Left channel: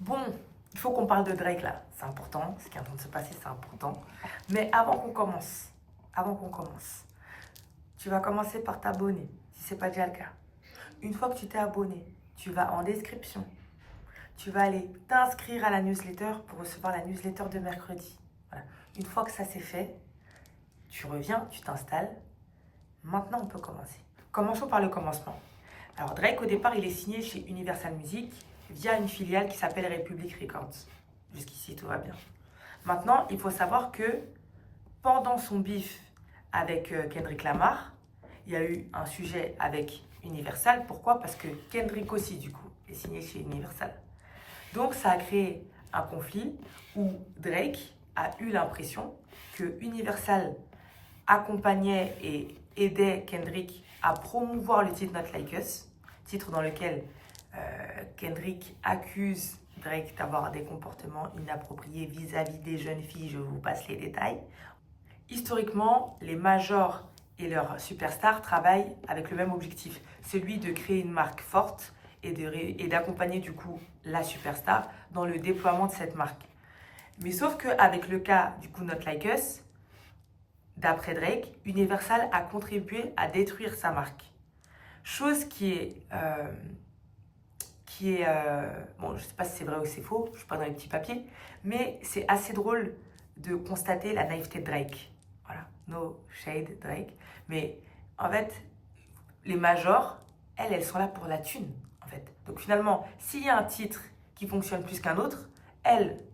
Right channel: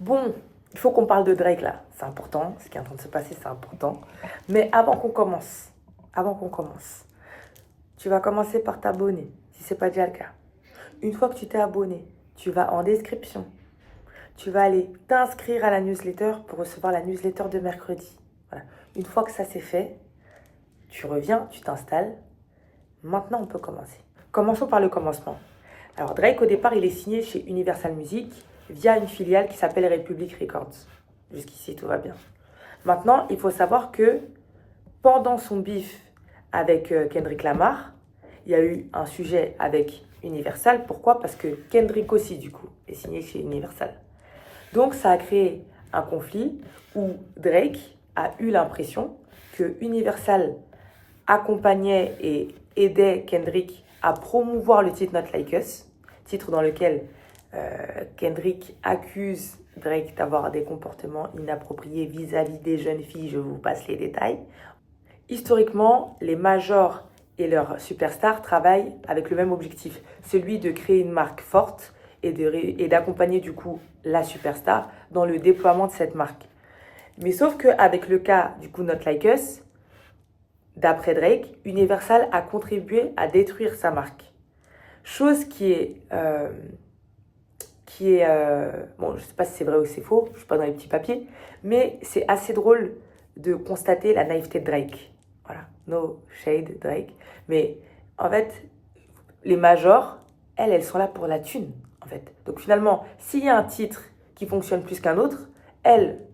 Bon, il faut qu'on parle de Drake là, c'est important, ce qui est en train de se passer, c'est important. Mais avant qu'on commence, tu vas commencer par t'abonner, si ce n'est pas déjà le cas. Une fois que tu t'es abonné, tu vas en description, tu vas aller t'inscrire à la newsletter pour recevoir la newsletter de mercredi. Voilà. Une fois que ça c'est fait, tu reviens, tu t'installes. Maintenant, on peut commencer. Commençons par le commencement. Alors Drake, au départ, il est signé chez Universal Music via une filiale qui s'appelle Republic Records. Jusqu'ici, tout va bien. Maintenant, il faut savoir que pendant son bif avec Kendrick Lamar, il y a eu un sujet avec Universal. Pourquoi? Parce que Kendrick aussi, du coup, est signé chez Universal. Donc, ça a créé un conflit où Drake a eu l'impression que Universal accompagnait et aidait Kendrick à promouvoir le titre Not Like Us, titre dans lequel Kendrick accuse Drake d'avoir des comportements inappropriés vis-à-vis des jeunes filles, je vous passe les détails. Historiquement, les majors et leurs superstars travaillent avec le même objectif, celui de créer une marque forte et d'accompagner du coup la superstar dans le déploiement de cette marque. Mais sauf qu'avec le cas du coup Not Like Us, d'après Drake, Universal a contribué à détruire sa marque. Chose qui est... bon, je ne sais pas si c'est vrai ou c'est faux, je ne suis pas dans les petits papiers, mais c'est assez drôle de constater la naïveté de Drake. Voilà, no shade Drake. Mais en fait, les majors, elles sont là pour la thune, en fait. Donc finalement, s'il y a un titre qui fonctionne plus qu'un autre, elles,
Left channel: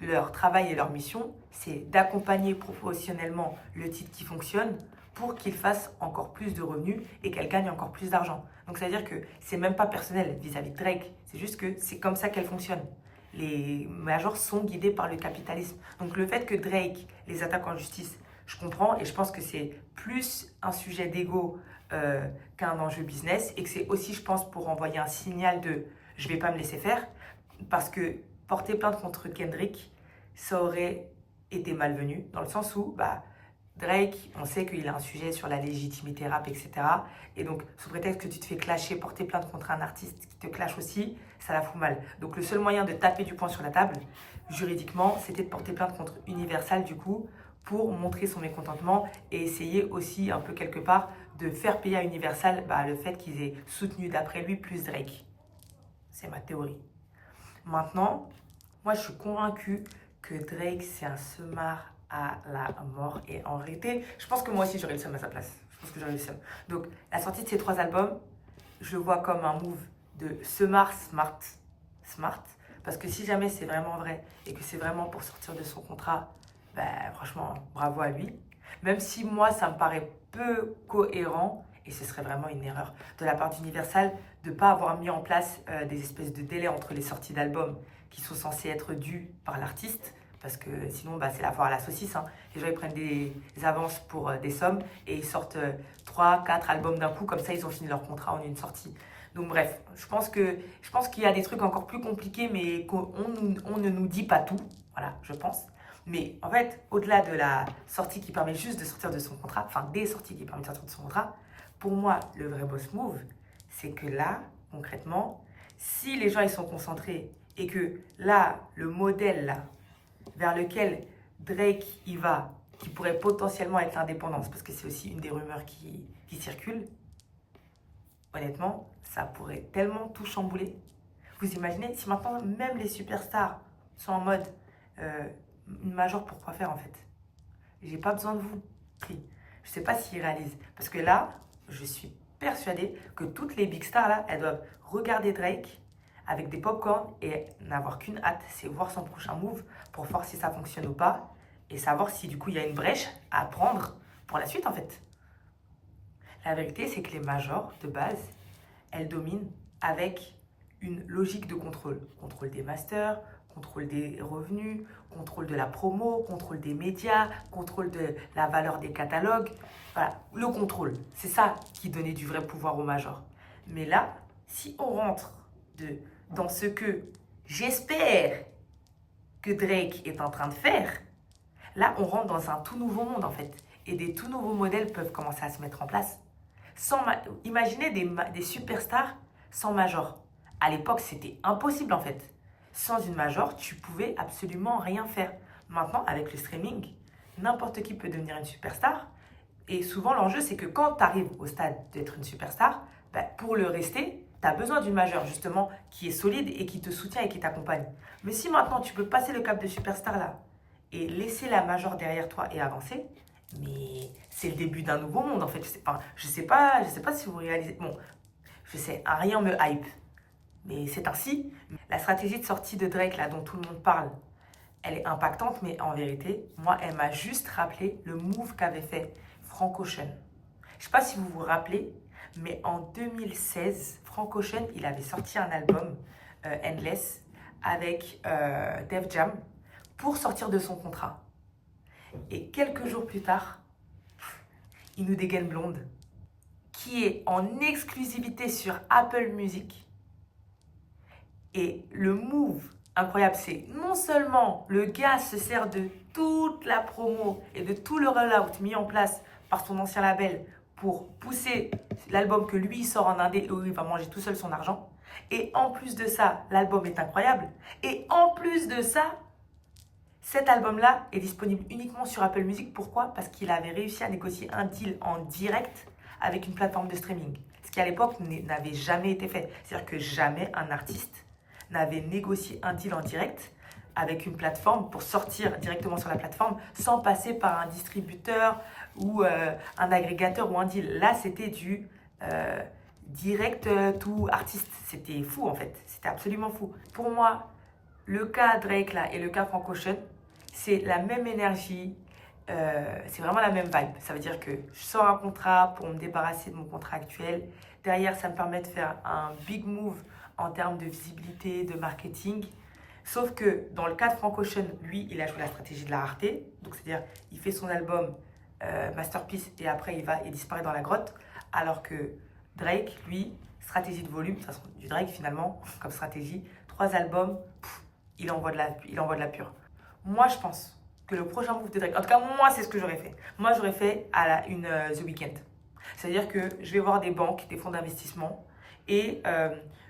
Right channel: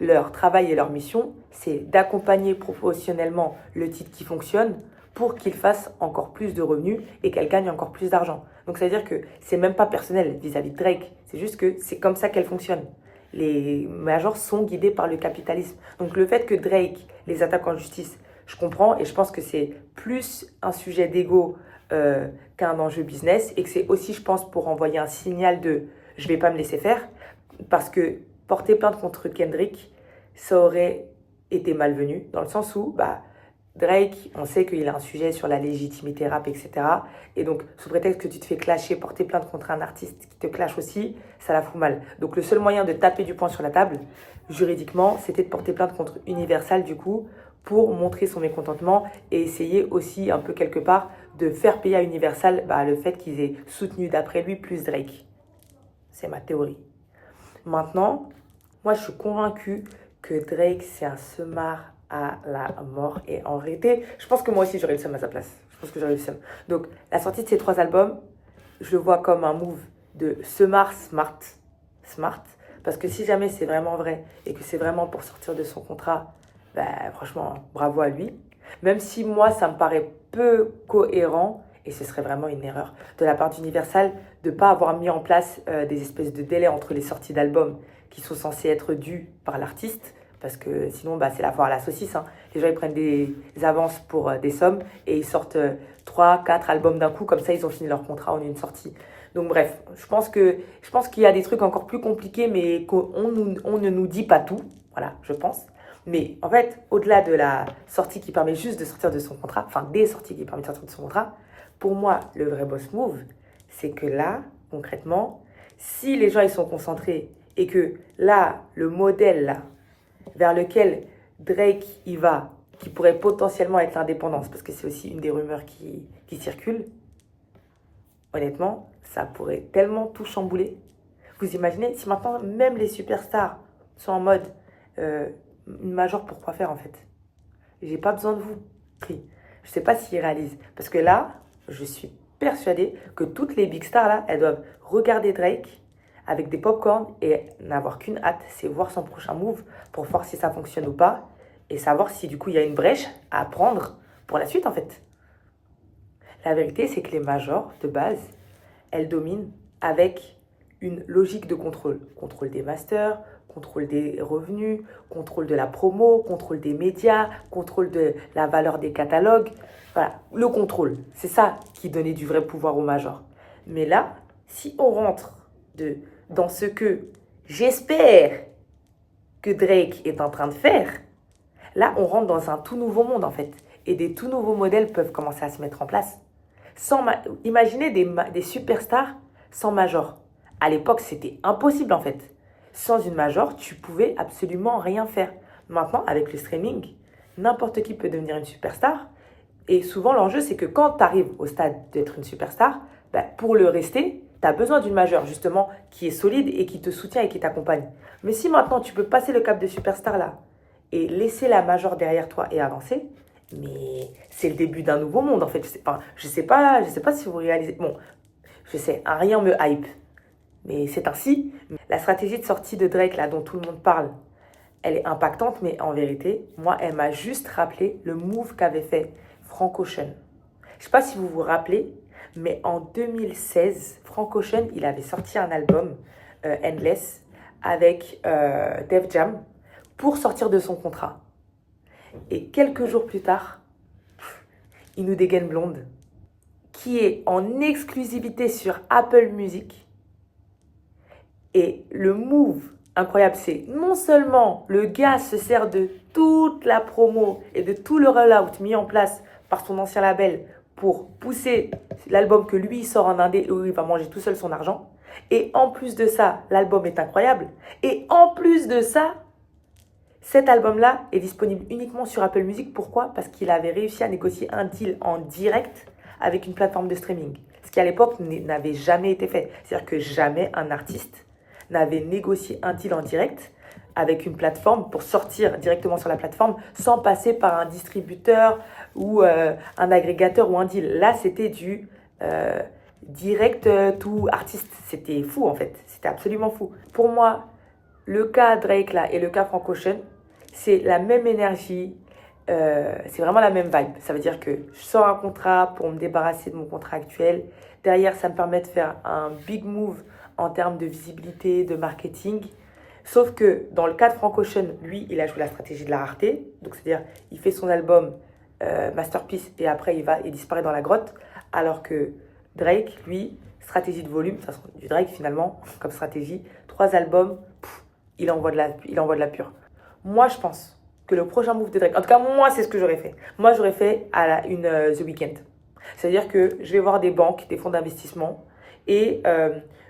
leur travail et leur mission, c'est d'accompagner professionnellement le titre qui fonctionne pour qu'il fasse encore plus de revenus et qu'elle gagne encore plus d'argent. Donc, c'est-à-dire que c'est même pas personnel vis-à-vis de Drake. C'est juste que c'est comme ça qu'elle fonctionne. Les majors sont guidés par le capitalisme. Donc, le fait que Drake les attaque en justice, je comprends et je pense que c'est plus un sujet d'ego qu'un enjeu business et que c'est aussi, je pense, pour envoyer un signal de « je vais pas me laisser faire » parce que porter plainte contre Kendrick, ça aurait été malvenu dans le sens où Drake, on sait qu'il a un sujet sur la légitimité rap, etc. Et donc, sous prétexte que tu te fais clasher, porter plainte contre un artiste qui te clash aussi, ça la fout mal. Donc, le seul moyen de taper du poing sur la table, juridiquement, c'était de porter plainte contre Universal, du coup, pour montrer son mécontentement et essayer aussi, un peu quelque part, de faire payer à Universal le fait qu'ils aient soutenu, d'après lui, plus Drake. C'est ma théorie. Maintenant, moi, je suis convaincue que Drake, c'est un semard à la mort. Et en réalité, je pense que moi aussi, j'aurais le seum à sa place. Je pense que j'aurais le seum. Donc, la sortie de ces 3 albums, je le vois comme un move de semard smart. Parce que si jamais c'est vraiment vrai et que c'est vraiment pour sortir de son contrat, franchement, bravo à lui. Même si moi, ça me paraît peu cohérent, et ce serait vraiment une erreur de la part d'Universal de ne pas avoir mis en place des espèces de délais entre les sorties d'albums qui sont censés être dus par l'artiste. Parce que sinon, c'est la foire à la saucisse. Hein. Les gens, ils prennent des avances pour des sommes et ils sortent 3, 4 albums d'un coup. Comme ça, ils ont fini leur contrat en une sortie. Donc bref, je pense qu'il y a des trucs encore plus compliqués, mais on ne nous dit pas tout. Voilà, je pense. Mais en fait, au-delà de la sortie qui permet juste de sortir de son contrat, enfin des sorties qui permettent de sortir de son contrat, pour moi, le vrai boss move, c'est que là, concrètement, si les gens ils sont concentrés et que là, le modèle là, vers lequel Drake y va, qui pourrait potentiellement être l'indépendance, parce que c'est aussi une des rumeurs qui circulent, honnêtement, ça pourrait tellement tout chambouler. Vous imaginez, si maintenant même les superstars sont en mode une major, pourquoi faire en fait? J'ai pas besoin de vous. Je sais pas s'ils réalisent. Parce que là, je suis persuadée que toutes les big stars là, elles doivent regarder Drake avec des popcorn et n'avoir qu'une hâte, c'est voir son prochain move pour voir si ça fonctionne ou pas et savoir si du coup il y a une brèche à prendre pour la suite en fait. La vérité, c'est que les majors de base, elles dominent avec une logique de contrôle. Contrôle des masters, contrôle des revenus, contrôle de la promo, contrôle des médias, contrôle de la valeur des catalogues. Voilà, le contrôle, c'est ça qui donnait du vrai pouvoir aux majors. Mais là, si on rentre dans ce que j'espère que Drake est en train de faire, là, on rentre dans un tout nouveau monde, en fait. Et des tout nouveaux modèles peuvent commencer à se mettre en place. Imaginez des superstars sans major. À l'époque, c'était impossible, en fait. sans une major, tu pouvais absolument rien faire. Maintenant, avec le streaming, n'importe qui peut devenir une superstar. Et souvent, l'enjeu, c'est que quand tu arrives au stade d'être une superstar, bah, pour le rester, tu as besoin d'une majeure, justement, qui est solide et qui te soutient et qui t'accompagne. Mais si maintenant, tu peux passer le cap de superstar là et laisser la majeure derrière toi et avancer, mais c'est le début d'un nouveau monde, en fait. Je sais pas si vous réalisez. Bon, je sais, rien me hype. Mais c'est ainsi. La stratégie de sortie de Drake, là, dont tout le monde parle, elle est impactante, mais en vérité, moi, elle m'a juste rappelé le move qu'avait fait Frank Ocean. Je ne sais pas si vous vous rappelez, mais en 2016, Frank Ocean, il avait sorti un album, Endless, avec Def Jam, pour sortir de son contrat. Et quelques jours plus tard, il nous dégaine Blonde, qui est en exclusivité sur Apple Music. Et le move incroyable, c'est non seulement le gars se sert de toute la promo et de tout le rollout mis en place par son ancien label pour pousser l'album que lui sort en indé où il va manger tout seul son argent. Et en plus de ça, l'album est incroyable. Et en plus de ça, cet album-là est disponible uniquement sur Apple Music. Pourquoi? Parce qu'il avait réussi à négocier un deal en direct avec une plateforme de streaming. Ce qui à l'époque n'avait jamais été fait. C'est-à-dire que jamais un artiste n'avait négocié un deal en direct avec une plateforme pour sortir directement sur la plateforme sans passer par un distributeur ou un agrégateur ou un deal. Là, c'était du direct to artiste. C'était fou en fait. C'était absolument fou. Pour moi, le cas Drake là et le cas Frank Ocean, c'est la même énergie. C'est vraiment la même vibe. Ça veut dire que je sors un contrat pour me débarrasser de mon contrat actuel. Derrière, ça me permet de faire un big move en termes de visibilité, de marketing. Sauf que dans le cas de Frank Ocean, lui, il a joué la stratégie de la rareté. Donc, c'est-à-dire, il fait son album Masterpiece et après, il disparaît dans la grotte. Alors que Drake, lui, stratégie de volume, de toute façon, du Drake finalement, comme stratégie, 3 albums, il envoie de la pure. Moi, je pense que le prochain move de Drake, en tout cas, moi, c'est ce que j'aurais fait. Moi, j'aurais fait une The Weeknd. C'est-à-dire que je vais voir des banques, des fonds d'investissement et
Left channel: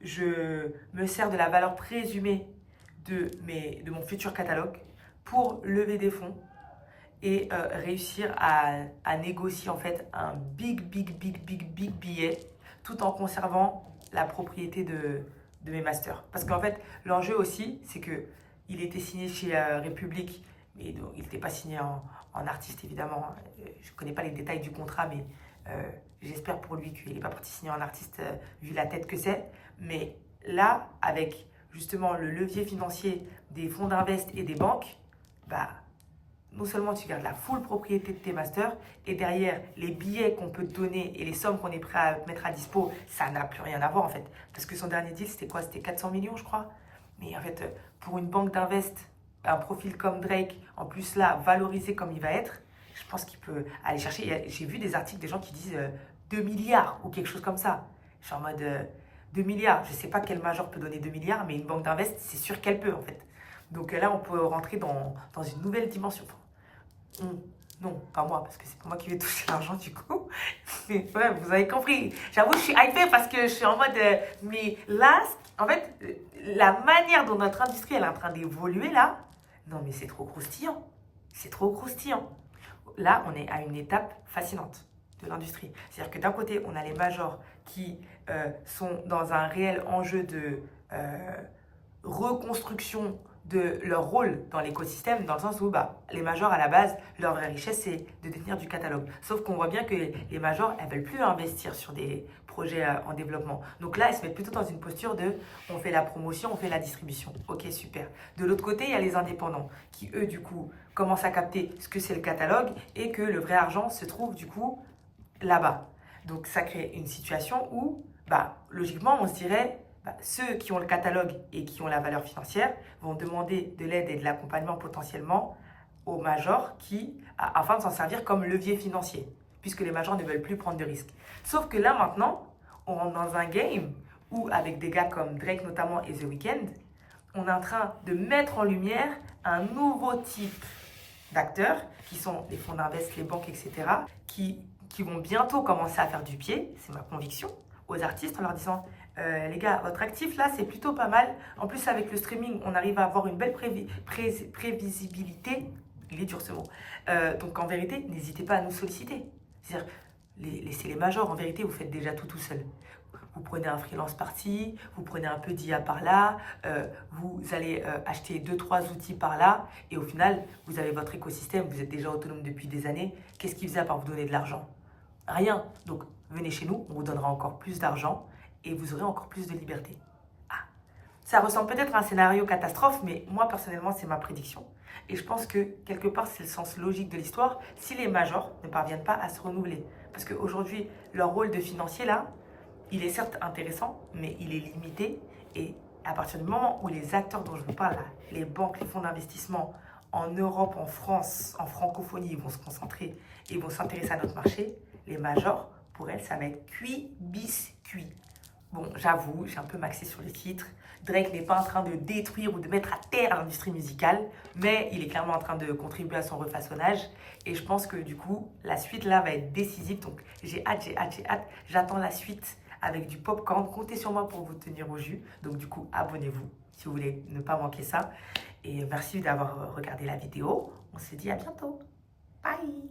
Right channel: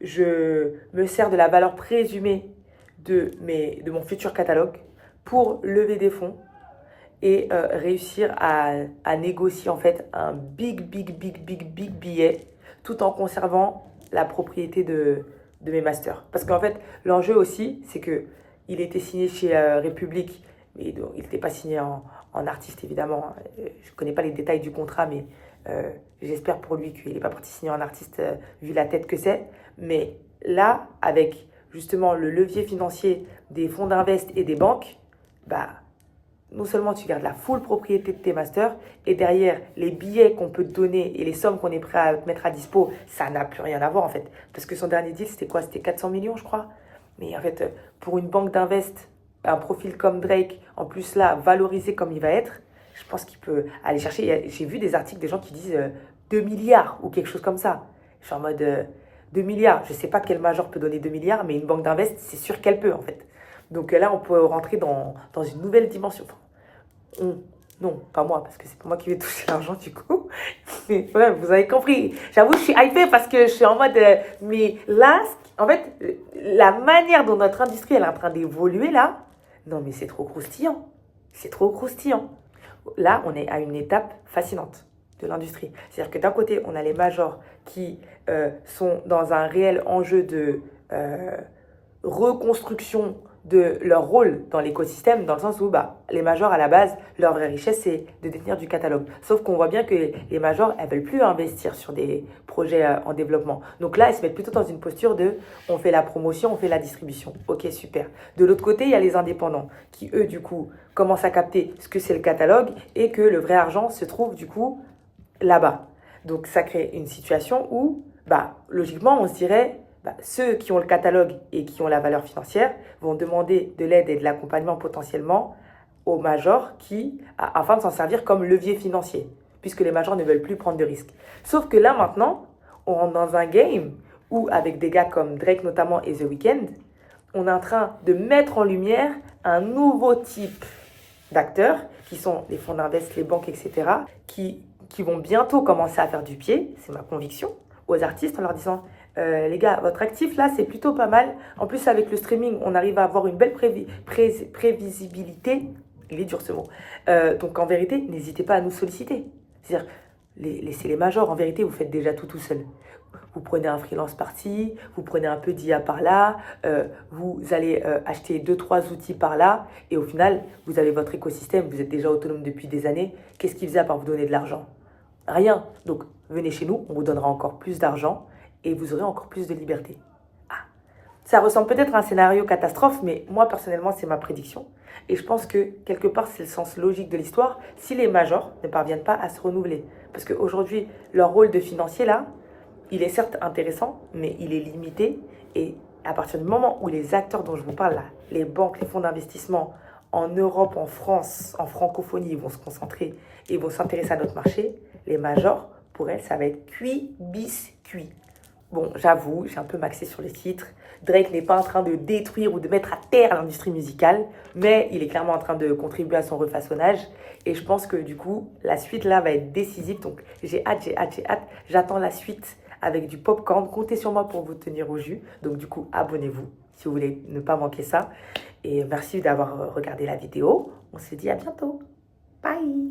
je me sers de la valeur présumée de mon futur catalogue pour lever des fonds et réussir à négocier en fait un big billet tout en conservant la propriété de mes masters. Parce qu'en fait, l'enjeu aussi, c'est que il était signé chez République, mais donc, il n'était pas signé en artiste évidemment. Je ne connais pas les détails du contrat, mais j'espère pour lui qu'il n'est pas parti signer en artiste vu la tête que c'est. Mais là, avec justement le levier financier des fonds d'invest et des banques, bah, non seulement tu gardes la full propriété de tes masters, et derrière, les billets qu'on peut te donner et les sommes qu'on est prêt à mettre à dispo, ça n'a plus rien à voir en fait. Parce que son dernier deal, c'était quoi? C'était 400 millions, je crois. Mais en fait, pour une banque d'invest, un profil comme Drake, en plus là, valorisé comme il va être, je pense qu'il peut aller chercher. J'ai vu des articles des gens qui disent 2 milliards ou quelque chose comme ça. Je suis en mode 2 milliards. Je ne sais pas quel major peut donner 2 milliards, mais une banque d'invest, c'est sûr qu'elle peut en fait. Donc là, on peut rentrer dans une nouvelle dimension. Non, pas moi, parce que c'est pas moi qui vais toucher l'argent du coup. Mais ouais, vous avez compris. J'avoue, je suis hypée parce que je suis en mode... mais là, en fait, la manière dont notre industrie elle est en train d'évoluer là, non mais c'est trop croustillant. C'est trop croustillant. Là, on est à une étape fascinante de l'industrie. C'est-à-dire que d'un côté, on a les majors qui sont dans un réel enjeu de reconstruction de leur rôle dans l'écosystème, dans le sens où les majors, à la base, leur vraie richesse, c'est de détenir du catalogue. Sauf qu'on voit bien que les majors, elles ne veulent plus investir sur des projets en développement. Donc là, elles se mettent plutôt dans une posture de on fait la promotion, on fait la distribution. Ok, super. De l'autre côté, il y a les indépendants qui, eux, du coup, commencent à capter ce que c'est le catalogue et que le vrai argent se trouve, du coup, là-bas. Donc ça crée une situation où, logiquement, on se dirait... ceux qui ont le catalogue et qui ont la valeur financière vont demander de l'aide et de l'accompagnement potentiellement aux majors afin de s'en servir comme levier financier, puisque les majors ne veulent plus prendre de risques. Sauf que là, maintenant, on rentre dans un game où, avec des gars comme Drake notamment et The Weeknd, on est en train de mettre en lumière un nouveau type d'acteurs, qui sont les fonds d'invest, les banques, etc., qui vont bientôt commencer à faire du pied, c'est ma conviction, aux artistes en leur disant Les gars, votre actif là, c'est plutôt pas mal. En plus, avec le streaming, on arrive à avoir une belle prévisibilité. Il est dur ce mot. Donc en vérité, n'hésitez pas à nous solliciter. C'est-à-dire, laissez les majors. En vérité, vous faites déjà tout seul. Vous prenez un freelance par-ci, vous prenez un peu d'IA par-là, vous allez acheter 2-3 outils par-là, et au final, vous avez votre écosystème, vous êtes déjà autonome depuis des années. Qu'est-ce qu'il faisait à part vous donner de l'argent? Rien. Donc, venez chez nous, on vous donnera encore plus d'argent, et vous aurez encore plus de liberté. Ah, ça ressemble peut-être à un scénario catastrophe, mais moi, personnellement, c'est ma prédiction. Et je pense que, quelque part, c'est le sens logique de l'histoire, si les majors ne parviennent pas à se renouveler. Parce qu'aujourd'hui, leur rôle de financier, là, il est certes intéressant, mais il est limité. Et à partir du moment où les acteurs dont je vous parle là, les banques, les fonds d'investissement en Europe, en France, en francophonie, ils vont se concentrer et vont s'intéresser à notre marché, les majors, pour elles, ça va être cuit, bis, cuit. Bon, j'avoue, j'ai un peu maxé sur les titres. Drake n'est pas en train de détruire ou de mettre à terre l'industrie musicale, mais il est clairement en train de contribuer à son refaçonnage. Et je pense que du coup, la suite là va être décisive. Donc j'ai hâte, j'ai hâte, j'ai hâte. J'attends la suite avec du popcorn. Comptez sur moi pour vous tenir au jus. Donc du coup, abonnez-vous si vous voulez ne pas manquer ça. Et merci d'avoir regardé la vidéo. On se dit à bientôt. Bye!